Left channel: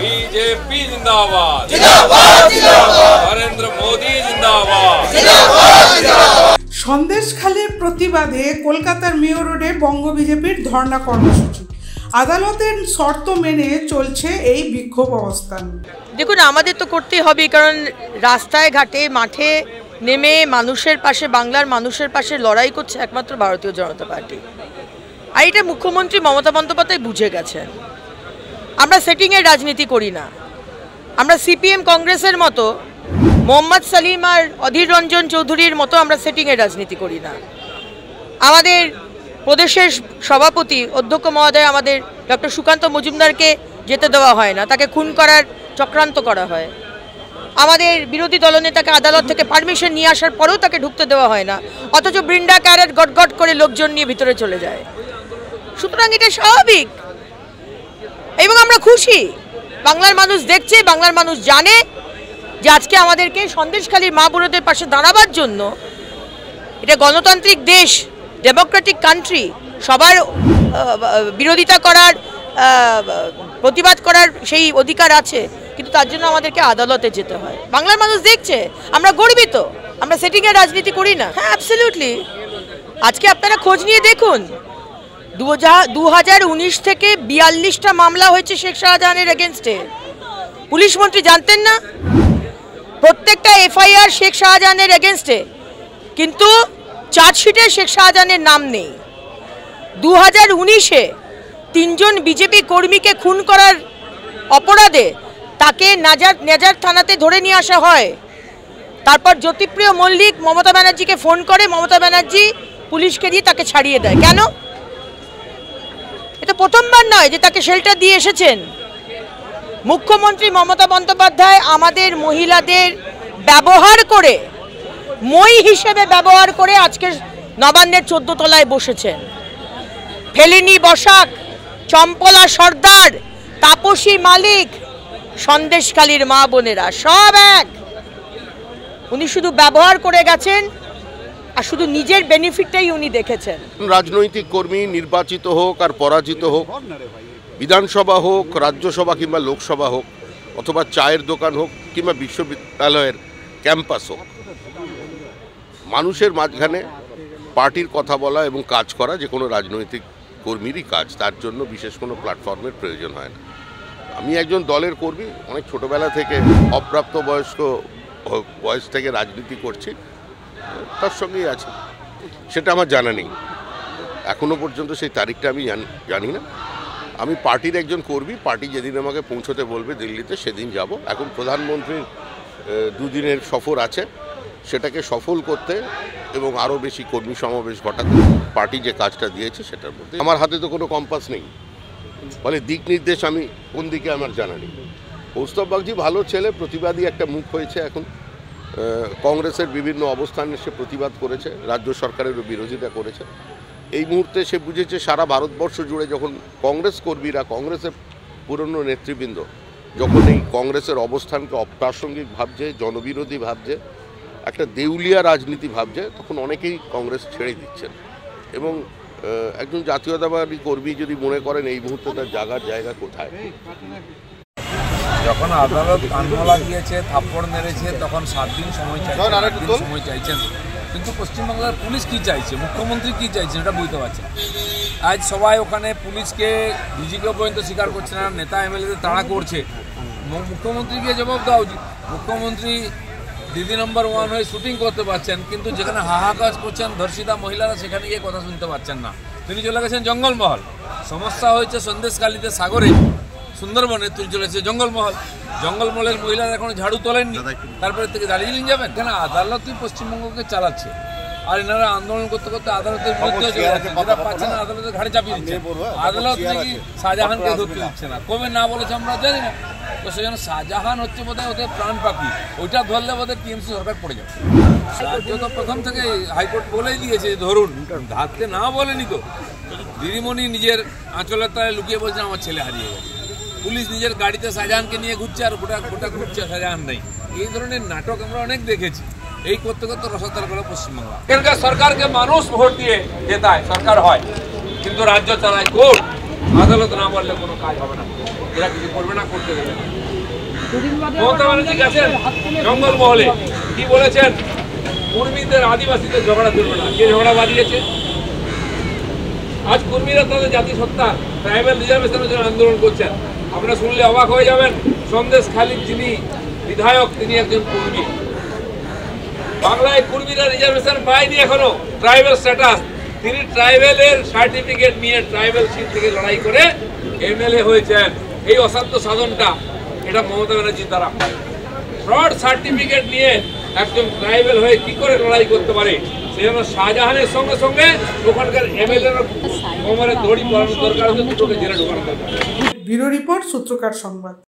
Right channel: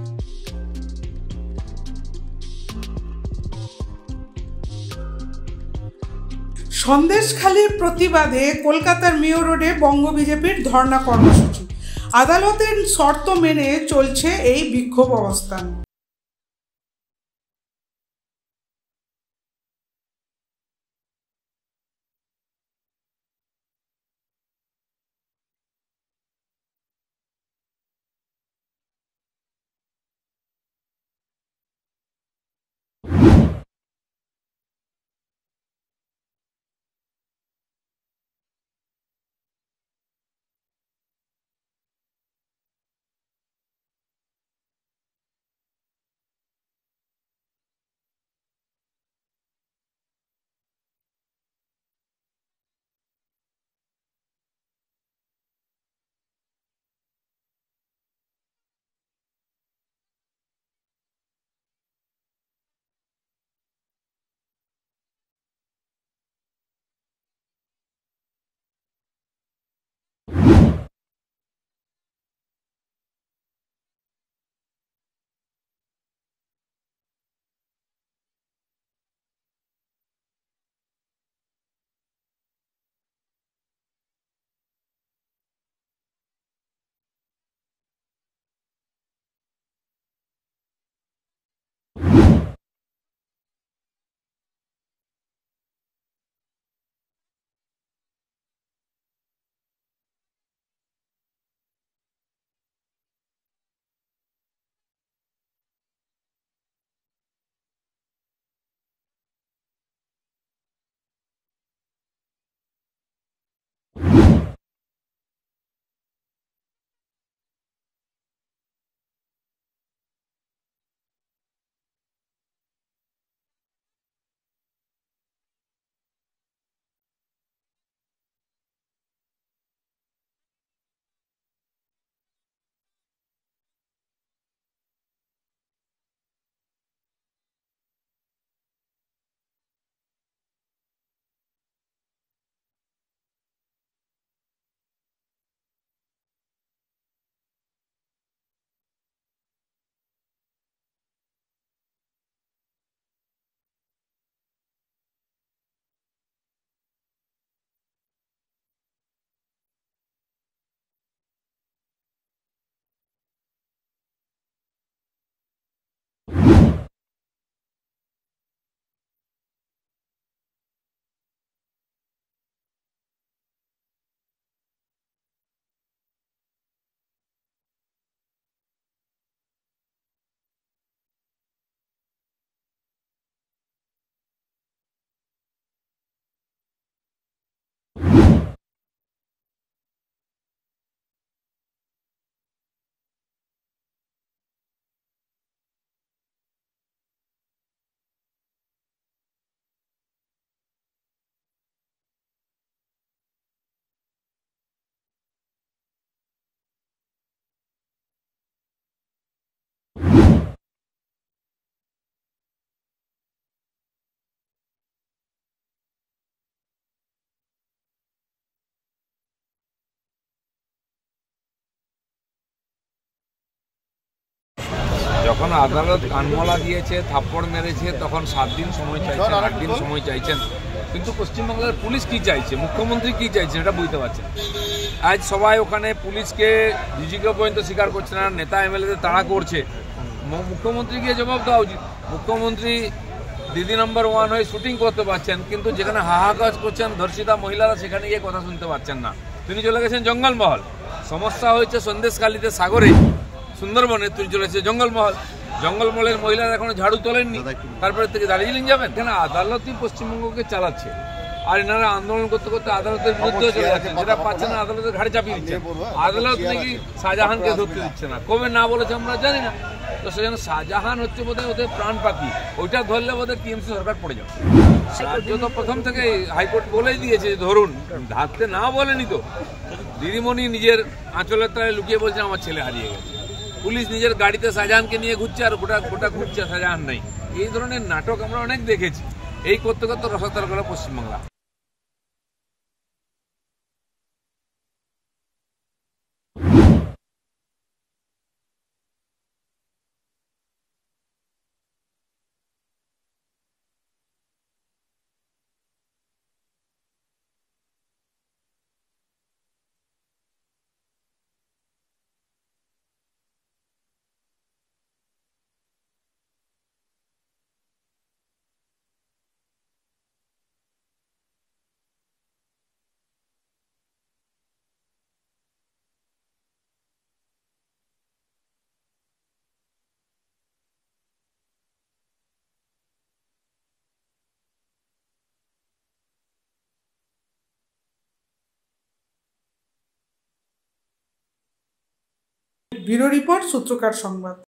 BJP जिंदाबाद, नरेंद्र मोदी जिंदाबाद। সন্দেশখালীর প্রতিবাদে কলকাতার মেয়ো রোডে বঙ্গ বিজেপির ধর্ণা কর্মসূচি। আদালতের শর্ত মেনে চলছে এই বিক্ষোভ অবস্থান। দেখুন, আমাদের তো করতেই হবে, কারণ রাস্তায় ঘাটে মাঠে নেমে মানুষের পাশে, বাংলার মানুষের পাশে লড়াই করছে একমাত্র ভারতীয় জনতা পার্টি। আর এটা মুখ্যমন্ত্রী মমতা বন্দ্যোপাধ্যায় বুঝে গেছেন। আমরা সেটিংয়ের রাজনীতি করি না। আমরা সিপিএম কংগ্রেসের মতো, মোহাম্মদ সালিম আর অধীর রঞ্জন চৌধুরীর মতো আমরা সেটিংয়ের রাজনীতি করি না। আমাদের প্রদেশের সভাপতি অধ্যক্ষ মহোদয় আমাদের ডক্টর সুকান্ত মজুমদারকে যেতে দেওয়া হয় না, তাকে খুন করার চক্রান্ত করা হয়। আমাদের বিরোধী দলনেতাকে আদালত থেকে পারমিশন নিয়ে আসার পরেও তাকে ঢুকতে দেওয়া হয় না, অথচ বৃন্দা ক্যারেট গটগট করে লোকজন নিয়ে ভিতরে চলে যায়। সুতরাং এটা স্বাভাবিক এবং আমরা খুশি। বাংলার মানুষ দেখছে, বাংলার মানুষ জানে যে আজকে আমাদেরকে সন্দেশখালীর মা বোনদের পাশে দাঁড়াবার জন্য, এটা গণতান্ত্রিক দেশ, ডেমোক্রেটিক কান্ট্রি, সবার বিরোধিতা করার, প্রতিবাদ করার সেই অধিকার আছে, কিন্তু তার জন্য আমাদেরকে আদালতে যেতে হয়। বাংলার মানুষ দেখছে, আমরা গর্বিত। আমরা সেটিংয়ের রাজনীতি করি না। হ্যাঁ, অ্যাবসলিউটলি। আজকে আপনারা খোঁজ নিয়ে দেখুন, 2019 থেকে 42টা মামলা হয়েছে শেখ শাহজাহানের এগেনস্টে। পুলিশ মন্ত্রী জানতেন না? প্রত্যেকটা এফআইআর শেখ শাহজাহানের এগেনস্টে, কিন্তু চার্জশিটে শেখ শাহজাহানের নাম নেই। 2019-এ 3জন বিজেপি কর্মীকে খুন করার অপরাধে তাকে নেজার থানাতে ধরে নিয়ে আসা হয়। তারপর জ্যোতিপ্রিয় মল্লিক মমতা ব্যানার্জিকে ফোন করে, মমতা ব্যানার্জি পুলিশকে দিয়ে তাকে ছাড়িয়ে দেয়। কেন? এটা প্রথমবার নয় যে তাকে শেল্টার দিয়ে এসেছেন। মুখ্যমন্ত্রী মমতা বন্দ্যোপাধ্যায় আমাদের মহিলাদের ব্যবহার করে, মই হিসেবে ব্যবহার করে আজকে নবান্নের 14 তলায় বসেছেন। ফেলিনি বসাক, চম্পলা সর্দার, তাপসী মালিক, সন্দেশখালীর মা বোনেরা সব এক। উনি শুধু ব্যবহার করে গেছেন আর শুধু নিজের বেনিফিটটাই উনি দেখেছেন। রাজনৈতিক কর্মী নির্বাচিত হোক আর পরাজিত হোক, বিধানসভা হোক, রাজ্যসভা কিংবা লোকসভা হোক, অথবা চায়ের দোকান হোক কিংবা বিশ্ববিদ্যালয়ের ক্যাম্পাস হোক, মানুষের মাঝখানে পার্টির কথা বলা এবং কাজ করা যে কোনো রাজনৈতিক কর্মীরই কাজ। তার জন্য বিশেষ কোনো প্ল্যাটফর্মের প্রয়োজন হয় না। আমি একজন দলের কর্মী, অনেক ছোটোবেলা থেকে অপ্রাপ্ত বয়স থেকে রাজনীতি করছি, তার সঙ্গেই আছে। সেটা আমার জানা নেই, এখনও পর্যন্ত সেই তারিখটা আমি জানি না। আমি পার্টির একজন কর্মী, পার্টি যেদিন আমাকে পৌঁছতে বলবে দিল্লিতে সেদিন যাব। এখন প্রধানমন্ত্রীর 2 দিনের সফর আছে, সেটাকে সফল করতে এবং আরও বেশি কর্মী সমাবেশ ঘটাতে পার্টি যে কাজটা দিয়েছে সেটার মধ্যে আমার হাতে তো কোনো কম্পাস নেই, ফলে দিক নির্দেশ আমি কোন দিকে আমার জানা নেই। কৌস্তব বাগচি ভালো ছেলে, প্রতিবাদী একটা মুখ হয়েছে। এখন কংগ্রেসের বিভিন্ন অবস্থানে সে প্রতিবাদ করেছে, রাজ্য সরকারেরও বিরোধিতা করেছে। এই মুহূর্তে সে বুঝেছে সারা ভারতবর্ষ জুড়ে যখন কংগ্রেস কর্মীরা, কংগ্রেসের পুরনো নেতৃবৃন্দ যখন এই কংগ্রেসের অবস্থানকে অপ্রাসঙ্গিক ভাবছে, জনবিরোধী ভাবছে, একটা দেউলিয়া রাজনীতি ভাবছে, তখন অনেকেই কংগ্রেস ছেড়ে দিচ্ছেন। এবং একজন জাতীয়তাবাদী কর্মী যদি মনে করেন এই মুহূর্তে তার জায়গা কোথায়, যখন আদালত কানমলা দিয়েছে, থাপ্পড় মেরেছে, তখন 7 দিন সময় চাইছেন, 8 দিন সময় চাইছেন, কিন্তু পশ্চিমবাংলার পুলিশ কি চাইছে, মুখ্যমন্ত্রী কি চাইছেন এটা বুঝতে পারছেন। আজ সবাই ওখানে পুলিশকে, ডিজিকে পর্যন্ত স্বীকার করছে না, নেতা এমএলএদের তাড়া করছে। মুখ্যমন্ত্রীকে জবাব দেওয়া উচিত। মুখ্যমন্ত্রী দিদি নম্বর 1 হয়ে শুটিং করতে পারছেন, কিন্তু যেখানে হাহাকার করছেন ধর্ষিতা মহিলারা, সেখানে গিয়ে কথা শুনতে পাচ্ছেন না। তিনি চলে গেছেন জঙ্গলমহল। সমস্যা হয়েছে সন্দেশখালীতে, সাগরে, সুন্দরবনে, তিনি চলেছে জঙ্গলমহল। জঙ্গলমহলের মহিলারা এখনো ঝাড়ু তোলেননি, তারপরে থেকে দার্জিলিং যাবেন। কেন? আদালতই পশ্চিমবঙ্গকে চালাচ্ছে, আর এনারা আন্দোলন করতে করতে আদালতের বিরুদ্ধে চলে যাচ্ছেন। যেটা পাচ্ছেন না আদালতের ঘাড়ে চাপিয়ে দিচ্ছেন। আদালত নাকি শাহজাহানকে ধরতে দিচ্ছে না, কবে না বলেছে আমরা জানি না। তো সেজন্য শাহজাহান হচ্ছে বোধহয় ওদের প্রাণ পাখি, ওইটা ধরলে বোধহয় টিএমসি সরকার পড়ে যাবে। রাজ্য তো প্রথম থেকে হাইকোর্ট বলেই দিয়েছে ধরুন, ধারতে না বলেনি তো। দিদিমণি নিজের আঁচলের তলায় লুকিয়ে বলছেন আমার ছেলে হারিয়ে গেছে। পুলিশ নিজের গাড়িতে শাহজাহানকে নিয়ে ঘুরছে আর গোটা ঘুরছে, শাহজাহান নেই। এই ধরনের নাটক আমরা অনেক দেখেছি। এই করতে করতে রসাতল গেল পশ্চিমবাংলা। এখানকার সরকারকে মানুষ ভোট দিয়ে জেতায়, সরকার হয়, কিন্তু রাজ্য চালায় কোর্ট। আদালত না বললে কোনো কাজ হবে না, এরা কিছু করবে না, করতে দেবে না। মমতা ব্যানার্জি গেছেন জঙ্গলমহলে, কি বলেছেন? কুর্মীদের আদিবাসীদের ঝগড়া চলবে না। কে ঝগড়া বাড়িয়েছে? আজ কুর্মীরা তাদের জাতিসত্তা ট্রাইবাল রিজার্ভেশনের জন্য আন্দোলন করছেন। আপনারা শুনলে অবাক হয়ে যাবেন, সন্দেশখালীর যিনি বিধায়ক তিনি একজন কুর্মী। বাংলায় কুর্মীরা রিজার্ভেশন পায়নি এখনো, ট্রাইবাল স্ট্যাটাস। তিনি ট্রাইবেলের সার্টিফিকেট নিয়ে ট্রাইবাল সিট থেকে লড়াই করে এমএলএ হয়েছেন। এই অসাধ্য সাধনটা এটা মমতা ব্যানার্জির দ্বারা। ফ্রড সার্টিফিকেট নিয়ে একজন ট্রাইবেল হয়ে কি করে লড়াই করতে পারে? সে জন্য শাহজাহানের সঙ্গে সঙ্গে ওখানকার এমএলএ কোমরে দড়ি পরানোর দরকার হচ্ছে, দুটোকে জেলে ঢোকানো দরকার। ব্যুরো রিপোর্ট, সূত্রকার সংবাদ।